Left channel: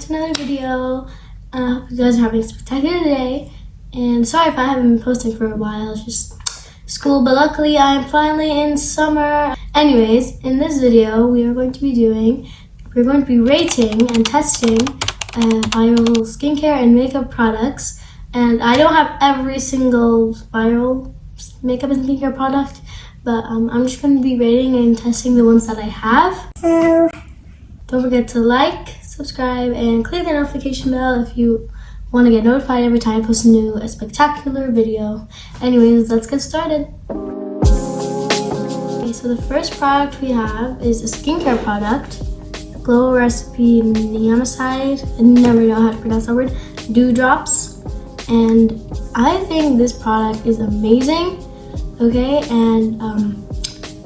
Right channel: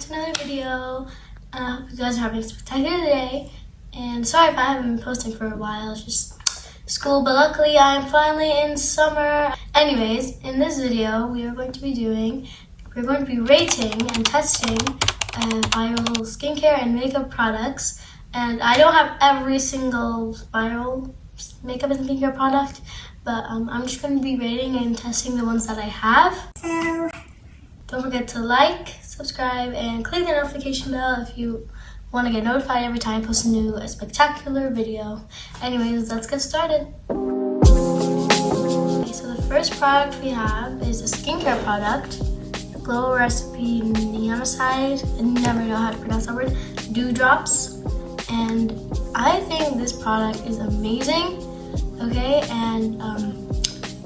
to another video. I hope you guys are having a spectacular day. And sorry if I haven't been posting for a while, it's just school, but luckily I am finally in summer. Anyways, in this video we're going to be rating and testing viral skincare and makeup products. And I don't have every single viral makeup and skincare product, but I'm just going to be rating and testing the ones that I have. So don't forget to like, subscribe, and click the notification bell if you want to get notified every time I post a spectacular video. Anyways, let's get started. Okay, so the first product we have is a skincare product, the Glow Recipe Niacinamide. I never know how to pronounce that word. Dew Drops. And I think this product is amazing. Okay, and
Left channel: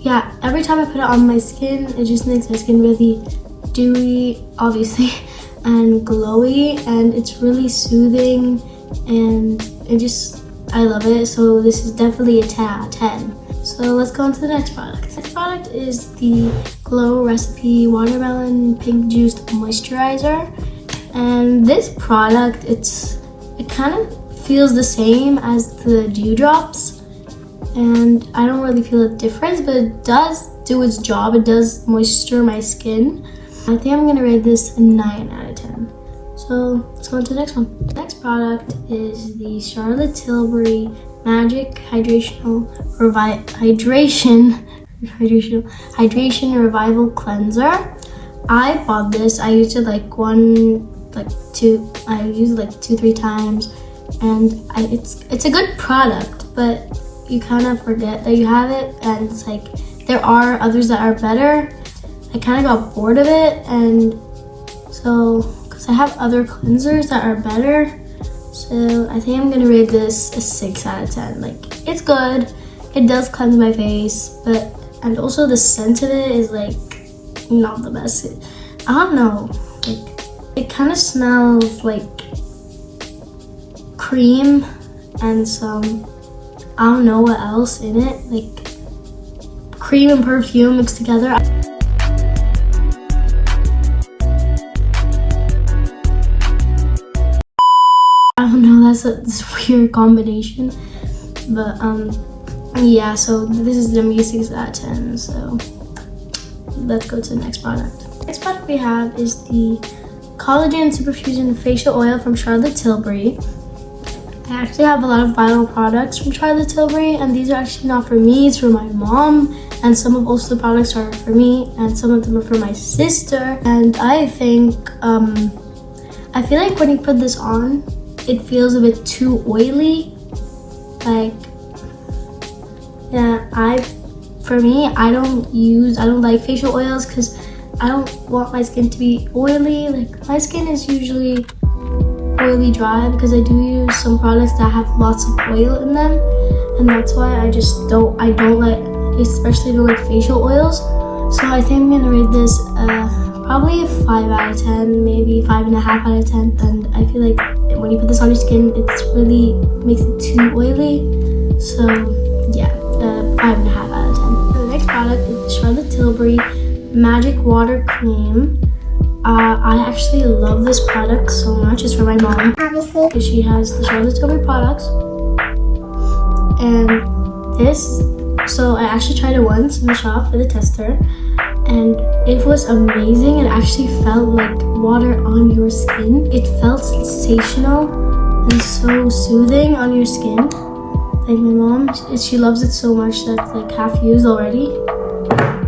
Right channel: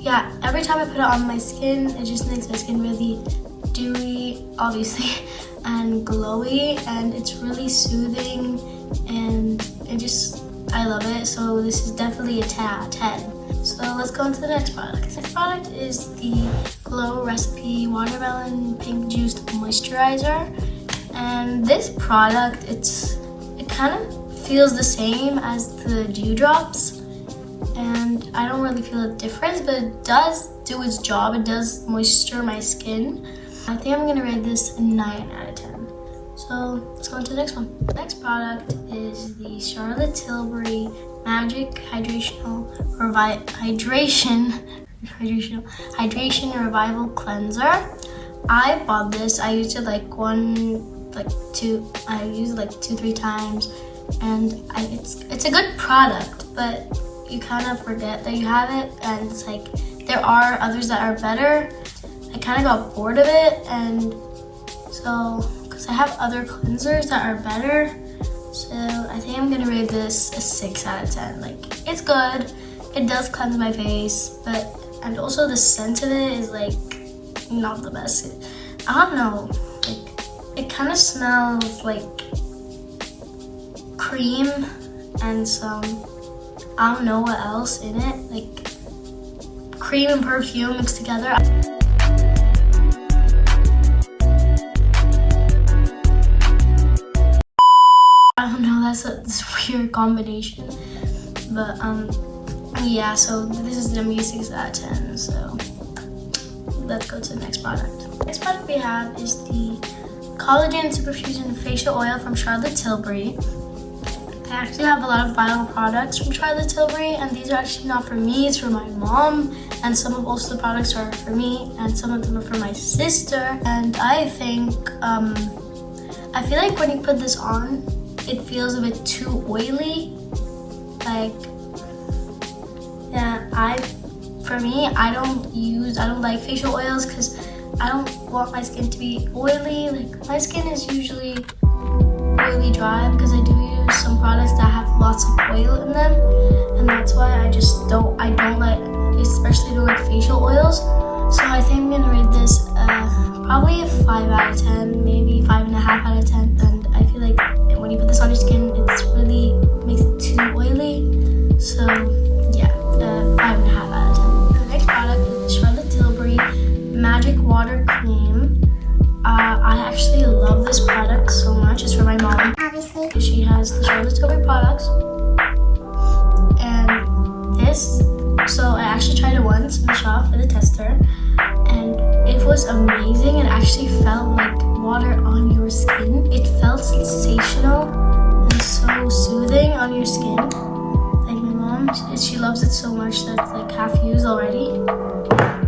yeah, every time I put it on my skin, it just makes my skin really dewy, obviously, and glowy, and it's really soothing, and I love it. So this is definitely a 10 out of 10. So let's go on to the next product. The next product is the Glow Recipe Watermelon Pink Juiced Moisturizer. And this product, it kind of feels the same as the Dew Drops, and I don't really feel a difference, but it does do its job. It does moisture my skin. I think I'm gonna rate this a 9 out of 10. So let's go on to the next one. The next product is the Charlotte Tilbury Magic Hydration Revival Cleanser. I bought this. I used it I used it like 2-3 times, and it's a good product, but you kind of forget that you have it, and it's like there are others that are better. I kind of got bored of it, and so because I have other cleansers that are better, so I think I'm gonna rate this a 6 out of 10. Like, it's good, it does cleanse my face, and also the scent of it is like not the best. I don't know, like it kind of smells like cream and some, I don't know what else in it, like cream and perfume mixed together. I don't know, that's this weird combination, but yeah, so this is the 6 out of 10. So let's go to the next product. The next product we have is the Collagen Superfusion Facial Oil from Charlotte Tilbury. I actually have a lot of viral products from Charlotte Tilbury, and these are actually not for me, it's for my mom, and some of also the products are for me, and some of them are for my sister. And I think I feel like when you put this on, it feels a bit too oily. Like, yeah, I don't like facial oils because I don't want my skin to be oily. Like, my skin is usually oily dry because I do use some products that have lots of oil in them, and that's why I don't like facial oils. So I think I'm gonna rate this probably a 5 out of 10, maybe 5.5 out of 10. And I feel like when you put this on your skin, it really makes it too oily. So yeah, 5.5 out of 10. The next product is the Charlotte Tilbury Magic Water Cream. I actually love this product so much. It's for my mom, obviously, because she has the Charlotte Tilbury products. And so I actually tried it once in the shop for the tester, and it was amazing. It actually felt like water on your skin. It felt sensational and so soothing on your skin. Like, my mom, she loves it so much that it's like half used already.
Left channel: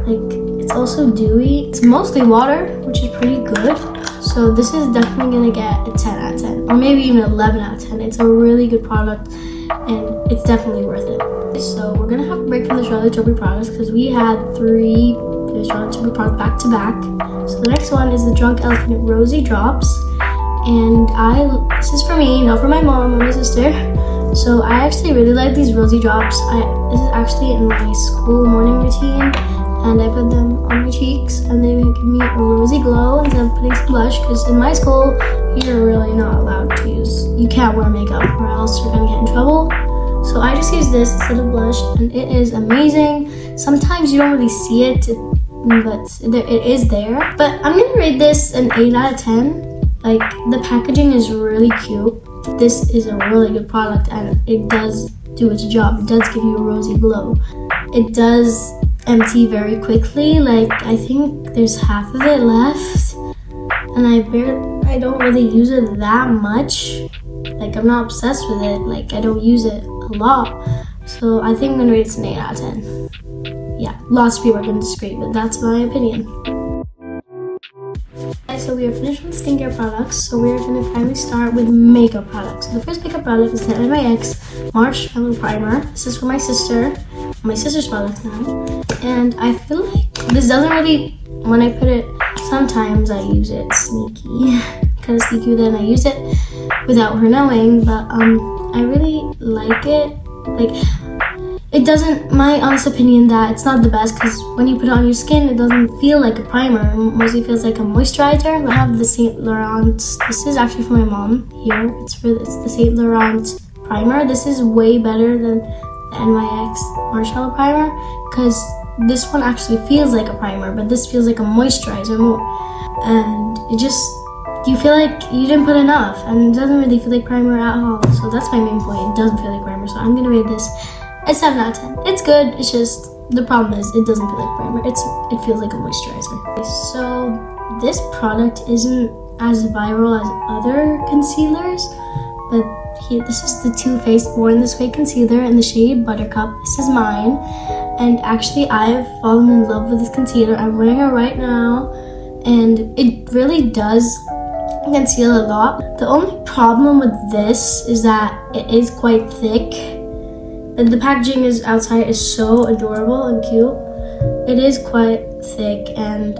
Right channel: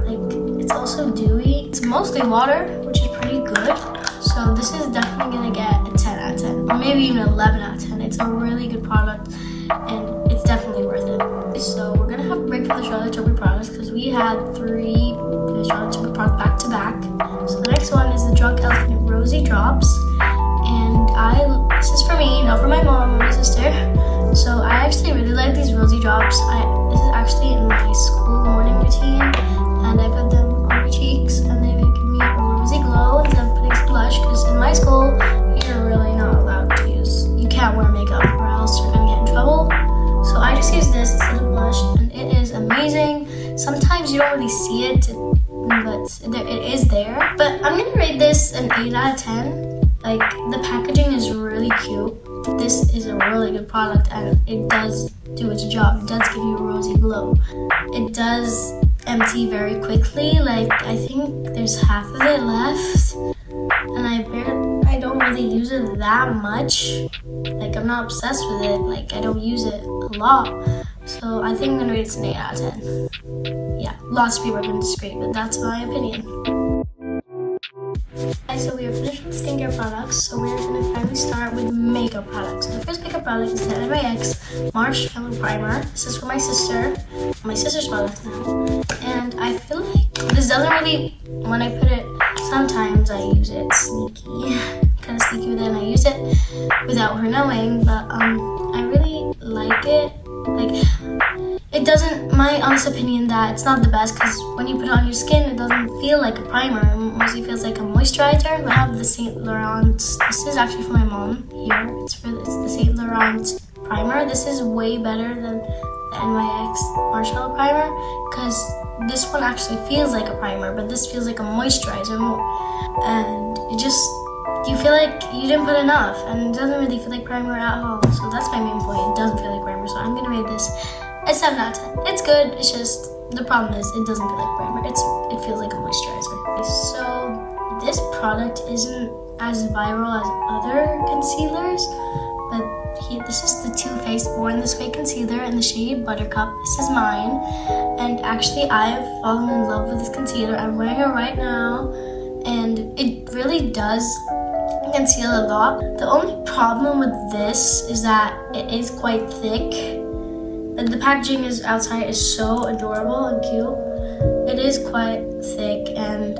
Like, it's also dewy. It's mostly water, which is pretty good. So this is definitely gonna get a 10 out of 10, or maybe even 11 out of 10. It's a really good product, and it's definitely worth it. So we're gonna have a break from the Charlotte Tilbury products because we had 3 Charlotte Tilbury products back to back. So the next one is the Drunk Elephant Rosy Drops, and this is for me, not for my mom or my sister. So I actually really like these rosy drops. This is actually in my school morning routine, and I put them on my cheeks, and they give me a rosy glow instead of putting some blush, because in my school, you're really not allowed to you can't wear makeup or else you're gonna get in trouble. So I just use this instead of blush, and it is amazing. Sometimes you don't really see it, but it is there. But I'm gonna rate this an 8 out of 10. Like, the packaging is really cute. This is a really good product and it does do its job. It does give you a rosy glow. It does empty very quickly. Like, I think there's half of it left, and I don't really use it that much. Like, I'm not obsessed with it. Like, I don't use it a lot. So I think I'm gonna rate it an 8 out of 10. Yeah, lots of people are gonna disagree, but that's my opinion. So we are finished with skincare products, so we're going to finally start with makeup products. So the first makeup product is the NYX Marshmallow Primer. This is for my sister's products now. And I feel like this doesn't really, when I put it, sometimes I use it sneaky. Kind of sneaky, then I use it without her knowing, but I really like it. Like, it doesn't, my honest opinion, that it's not the best because when you put it on your skin, it doesn't feel like a primer. It mostly feels like a moisturizer. I have the Saint Laurent, this is actually for my mom here. It's the Saint Laurent primer. This is way better than the NYX Marshmallow Primer because this one actually feels like a primer, but this feels like a moisturizer more. And it just, you feel like you didn't put enough, and it doesn't really feel like primer at all. So that's my main point. It doesn't feel like primer, so I'm gonna rate this a 7 out of 10. It's good, it's just, the problem is it doesn't feel like primer. It feels like a moisturizer. So this product isn't as viral as other concealers, but here, this is the Too Faced Born This Way concealer in the shade Buttercup. This is mine, and actually I've fallen in love with this concealer. I'm wearing it right now, and it really does conceal a lot. The only problem with this is that it is quite thick. And the packaging is outside is so adorable and cute. It is quite thick, and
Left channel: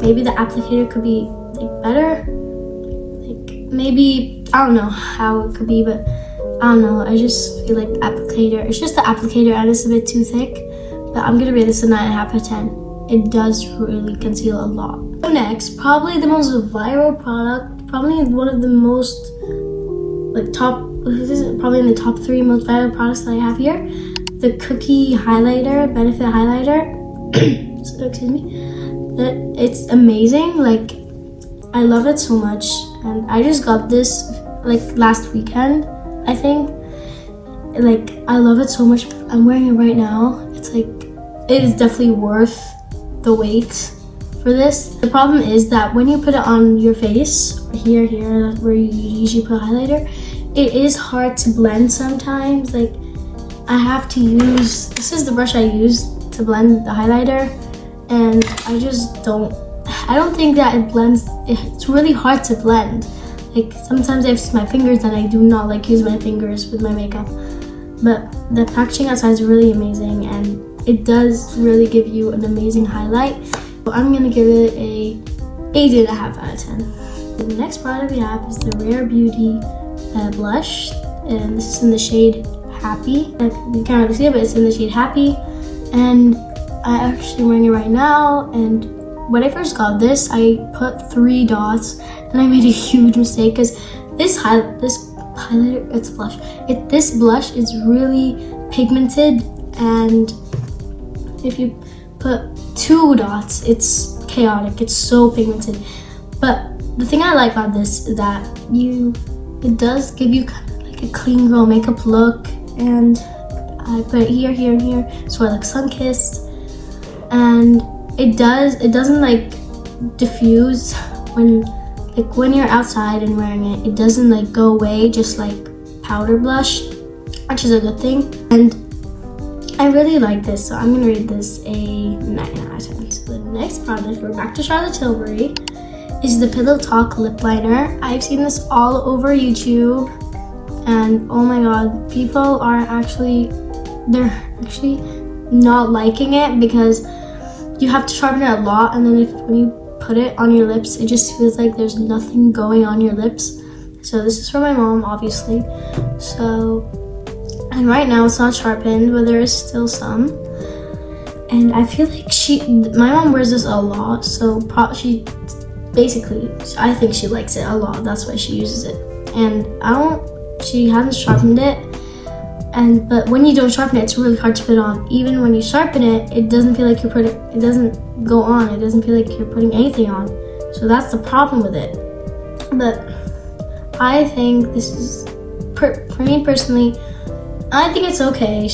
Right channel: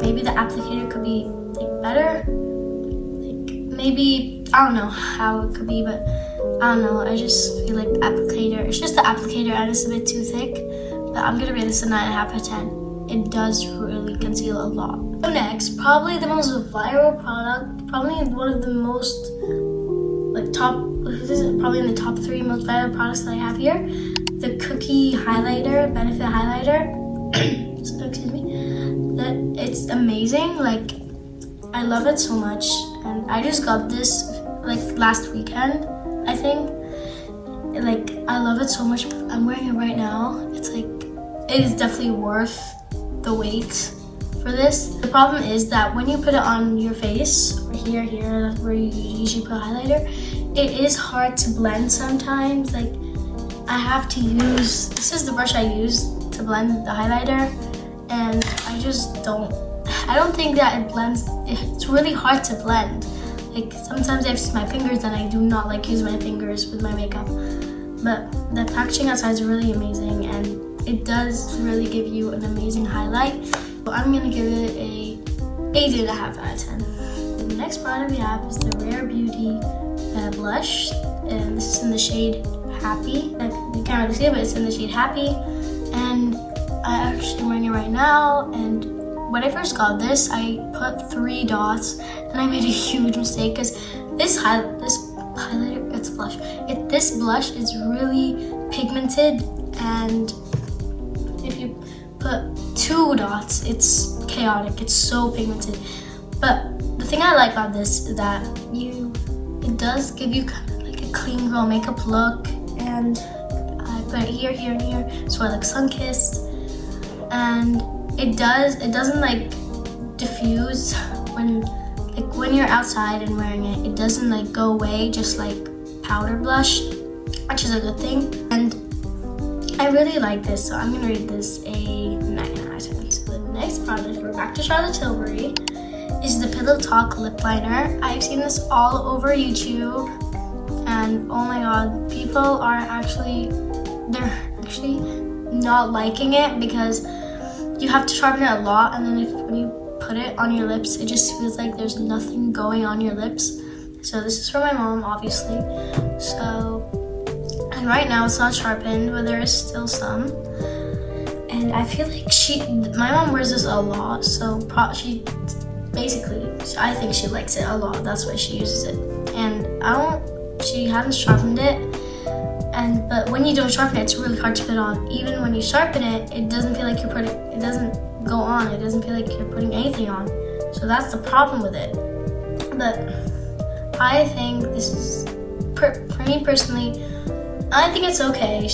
maybe the applicator could be like better. Like, maybe, I don't know how it could be, but I don't know. I just feel like the applicator, it's just the applicator and it's a bit too thick. But I'm gonna rate this a 9.5 out of 10. It does really conceal a lot. So next, probably the most viral product, probably one of the most like this is probably in the top 3 most viral products that I have here. The Cookie Highlighter, Benefit Highlighter. So, excuse me. It's amazing. Like, I love it so much, and I just got this like last weekend, I think. Like, I love it so much. I'm wearing it right now. It's like, it is definitely worth the wait for this. The problem is that when you put it on your face, or here, where you usually put a highlighter, it is hard to blend sometimes. Like, I have to use, this is the brush I use to blend the highlighter, and I don't think that it blends. It's really hard to blend. Like, sometimes I have to use my fingers, and I do not like use my fingers with my makeup. But the packaging outside is really amazing, and it does really give you an amazing highlight. So I'm gonna give it a 8.5 out of 10. The next product we have is the Rare Beauty blush, and this is in the shade Happy. You can't really see it, but it's in the shade Happy, and I'm actually wearing it right now. And when I first got this, I put 3 dots, and I made a huge mistake because this highlighter, it's a blush. This blush is really pigmented, and if you put 2 dots, it's chaotic. It's so pigmented. But the thing I like about this is that it does give you kind of like a clean girl makeup look, and I put it here, and here, so I look sun-kissed, and it doesn't like diffuse when you're outside and wearing it. It doesn't like go away just like powder blush, which is a good thing, and I really like this, so I'm gonna rate this a 9 out of 10. So the next product, we're back to Charlotte Tilbury, is the Pillow Talk lip liner. I've seen this all over YouTube, and oh my god, people are actually not liking it because you have to sharpen it a lot, and then when you put it on your lips, it just feels like there's nothing going on your lips. So this is for my mom, obviously. And right now it's not sharpened, but there is still some. And I feel like my mom wears this a lot, so I think she likes it a lot. That's why she uses it. And she hasn't sharpened it. But when you don't sharpen it, it's really hard to put on. Even when you sharpen it, it doesn't feel like it doesn't go on. It doesn't feel like you're putting anything on. So that's the problem with it. but I think this is, for me personally, I think it's okay.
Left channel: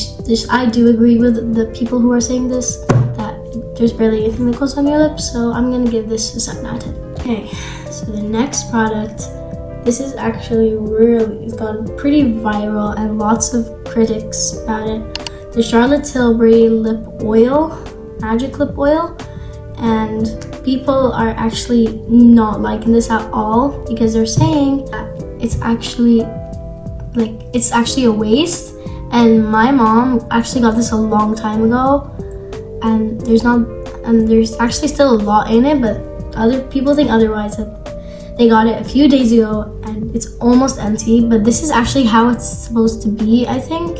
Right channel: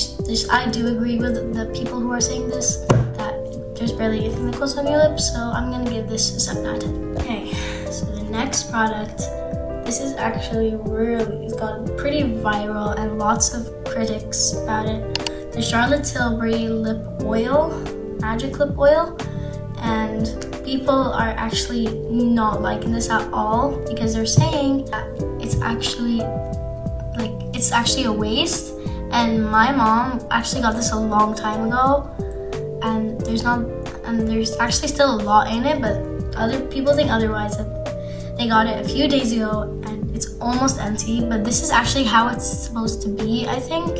I do agree with the people who are saying this, that there's barely anything that goes on your lips, so I'm gonna give this a 7 out of 10. Okay, so the next product, this is actually it's gone pretty viral and lots of critics about it. The Charlotte Tilbury lip oil, magic lip oil, and people are actually not liking this at all because they're saying that it's actually a waste. And my mom actually got this a long time ago, and there's actually still a lot in it, but other people think otherwise. That they got it a few days ago and it's almost empty, but this is actually how it's supposed to be, I think.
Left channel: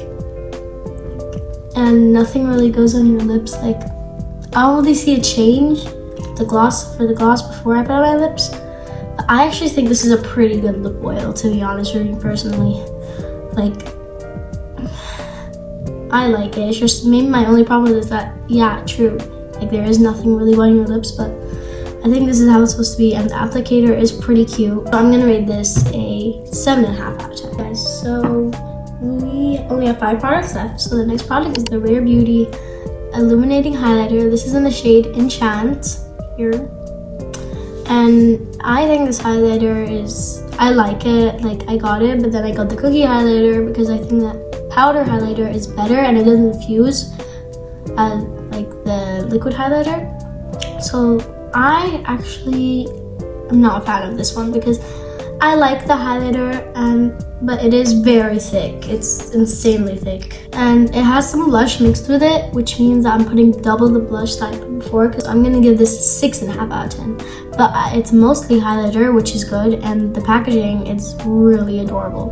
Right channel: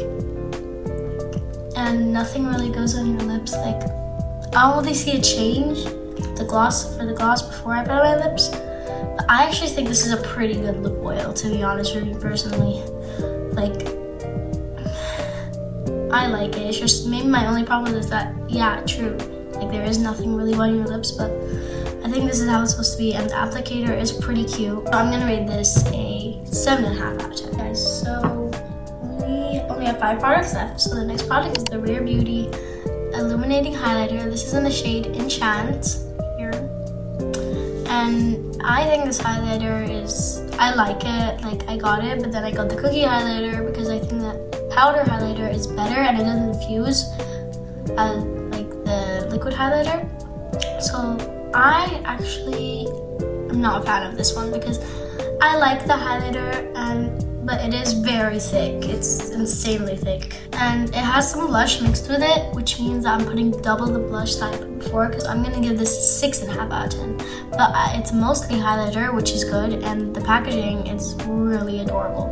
And nothing really goes on your lips. Like, I'll only see a change the gloss before I put on my lips. But I actually think this is a pretty good lip oil, to be honest with you personally. Like, I like it. It's just maybe my only problem is that, yeah, true, like there is nothing really on your lips, but I think this is how it's supposed to be, and the applicator is pretty cute. So I'm gonna rate this a 7.5 out of 10. Guys, so we only have 5 products left. So the next product is the Rare Beauty Illuminating Highlighter. This is in the shade Enchant here. And I think this highlighter I like it. Like, I got it, but then I got the cookie highlighter because I think that powder highlighter is better and it doesn't fuse as like the liquid highlighter. So I actually am not a fan of this one because I like the highlighter, but it is very thick. It's insanely thick, and it has some blush mixed with it, which means that I'm putting double the blush that I put before, because I'm gonna give this 6.5 out of 10. But it's mostly highlighter, which is good, and the packaging is really adorable.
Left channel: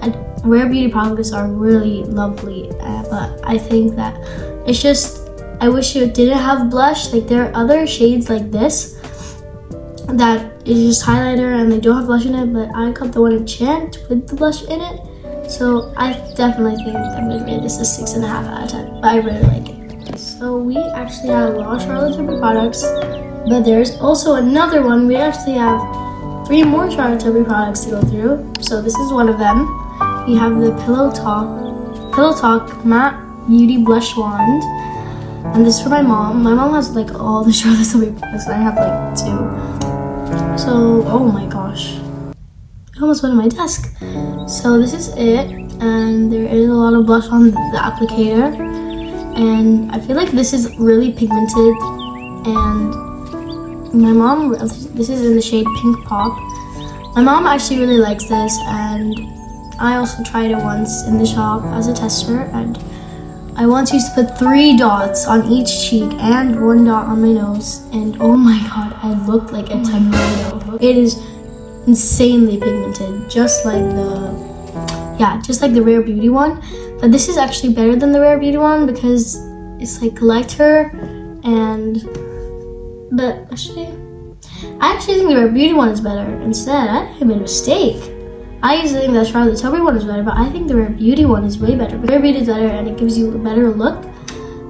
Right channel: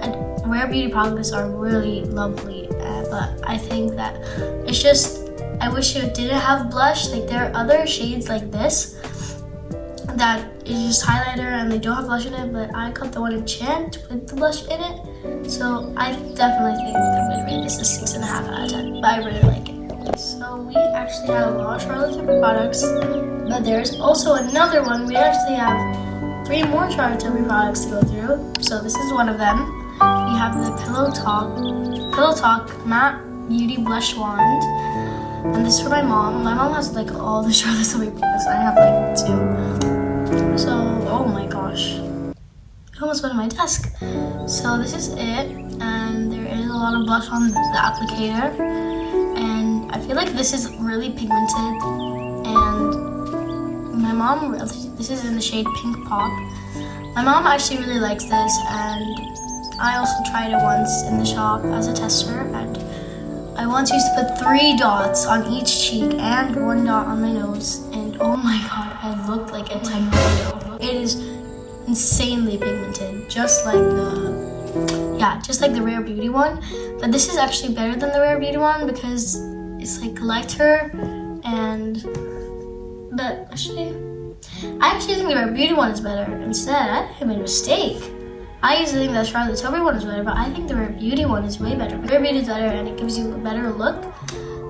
And Rare Beauty products are really lovely, but I think that it's just, I wish it didn't have blush. Like, there are other shades like this that is just highlighter and they don't have blush in it, but I got the one Enchant with the blush in it. So I definitely think I'm gonna rate this a 6.5 out of 10, but I really like it. So we actually have a lot of Charlotte Tilbury products, but there's also another one. We actually have 3 more Charlotte Tilbury products to go through. So this is one of them. We have the Pillow Talk Matte Beauty Blush Wand. And this is for my mom. My mom has like all the Charlotte Tilbury products. I have like 2. So, oh my gosh. It almost went on my desk. So this is it. And there is a lot of blush on the applicator. And I feel like this is really pigmented. And my mom, this is in the shade Pink Pop. My mom actually really likes this, and I also tried it once in the shop as a tester, and I once used to put 3 dots on each cheek and 1 dot on my nose, and oh my god, I looked like a tomato. It is insanely pigmented, just like the Rare Beauty one. But this is actually better than the Rare Beauty one because it's like lighter, but I actually think the Rare Beauty one is better. Instead, I made a mistake. I used to think that Charlotte Tilbury one is better, but I think the Rare Beauty one is way better. Rare Beauty is better and it gives you a better look.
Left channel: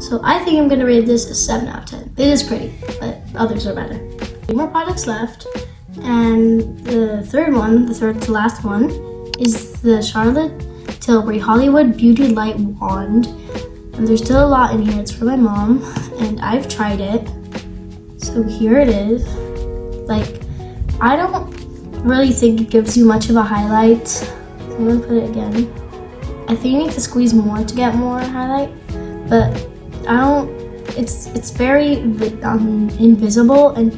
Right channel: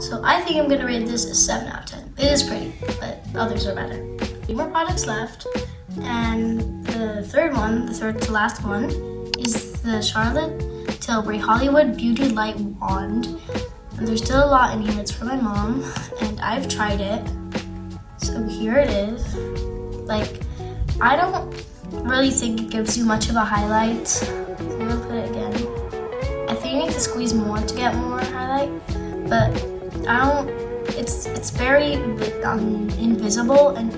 So I think I'm gonna rate this a 7 out of 10. It is pretty, but others are better. 3 more products left, and the third to last one, is the Charlotte Tilbury Hollywood Beauty Light Wand. And there's still a lot in here. It's for my mom, and I've tried it. So here it is. Like, I don't really think it gives you much of a highlight. I'm gonna put it again. I think you need to squeeze more to get more highlight, but it's very invisible, and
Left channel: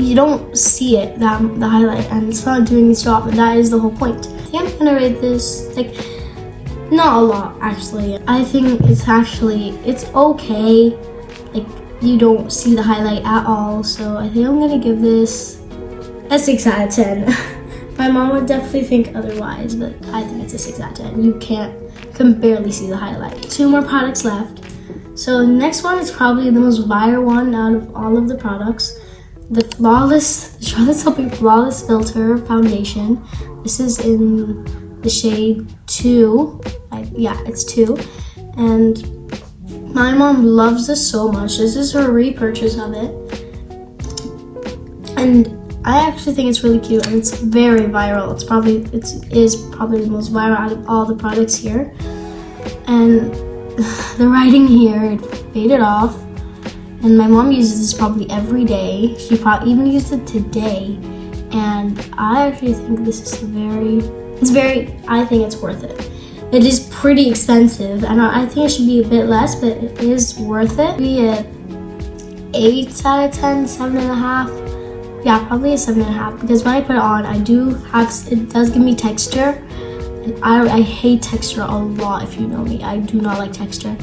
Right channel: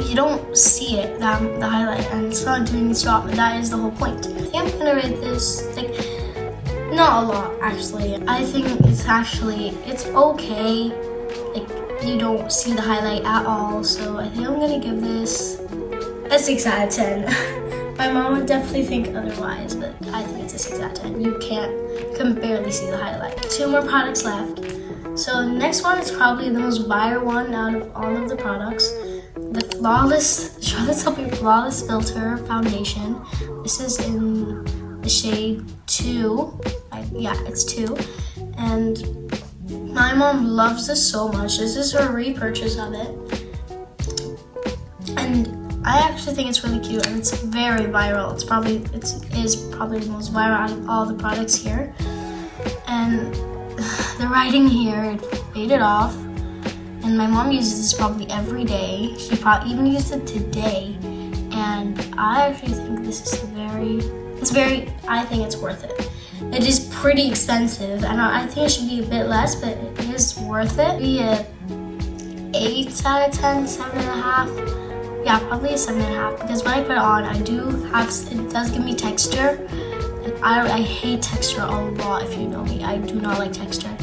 you don't see it, the highlight, and it's not doing its job, and that is the whole point. I think I'm gonna rate this, like, not a lot actually. I think it's okay. Like, you don't see the highlight at all, so I think I'm gonna give this a 6 out of 10. My mom would definitely think otherwise, but I think it's a 6 out of 10. You can barely see the highlight. 2 more products left. So the next one is probably the most viral one out of all of the products. The Charlotte Tilbury Flawless Filter Foundation. This is in the shade 2. It's 2. And my mom loves this so much. This is her repurchase of it. And I actually think it's really cute and it's very viral. It is probably the most viral out of all the products here. And the writing here, it faded off. And my mom uses this probably every day. She probably even used it today. And I actually think this is I think it's worth it. It is pretty expensive, and I think it should be a bit less, but it is worth it. Maybe a 8 out of 10, 7.5. Yeah, probably a 7.5, because when I put it on, it does give me texture, and I hate texture a lot. If you know me, I do not like texture.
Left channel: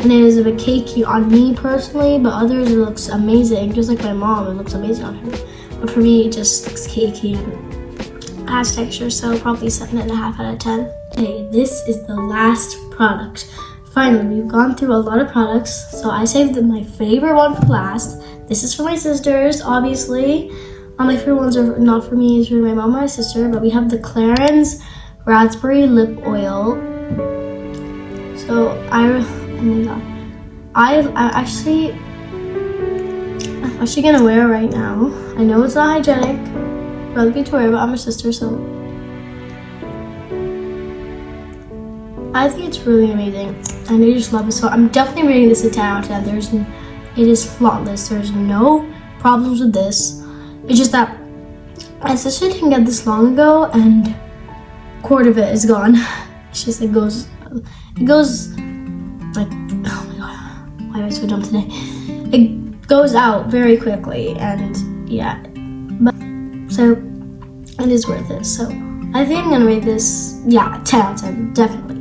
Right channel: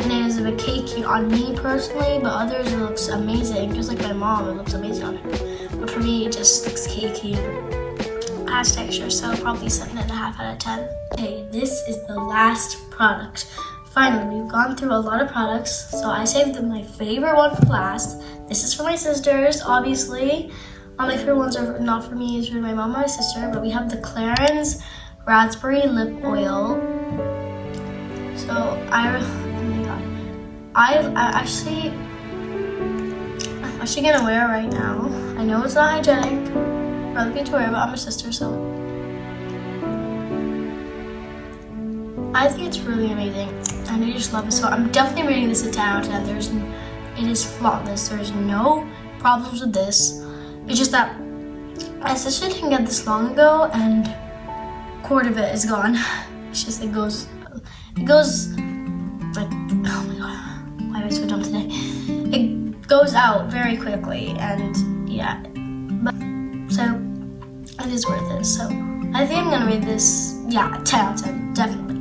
And it is a bit cakey on me personally, but others it looks amazing. Just like my mom, it looks amazing on her. But for me, it just looks cakey and has texture, so probably 7.5 out of 10. Okay, this is the last product. Finally, we've gone through a lot of products, so I saved my favorite one for last. This is for my sisters, obviously. My favorite ones are not for me, it's for my mom and my sister, but we have the Clarins Raspberry Lip Oil. So, oh my god. I'm actually gonna wear it right now. I know it's not hygienic, rather be to wear, but I'm her sister, so I think it's really amazing, and I just love it. So I'm definitely rating this a 10 out of 10. It is flawless. There's no problems with this. It's just that my sister didn't get this long ago, and a quarter of it is gone. It's just it goes like, oh my god, why am I so dumb today? It goes out very quickly, and yeah, but so it is worth it. So I think I'm gonna rate this, 10 out of 10, definitely.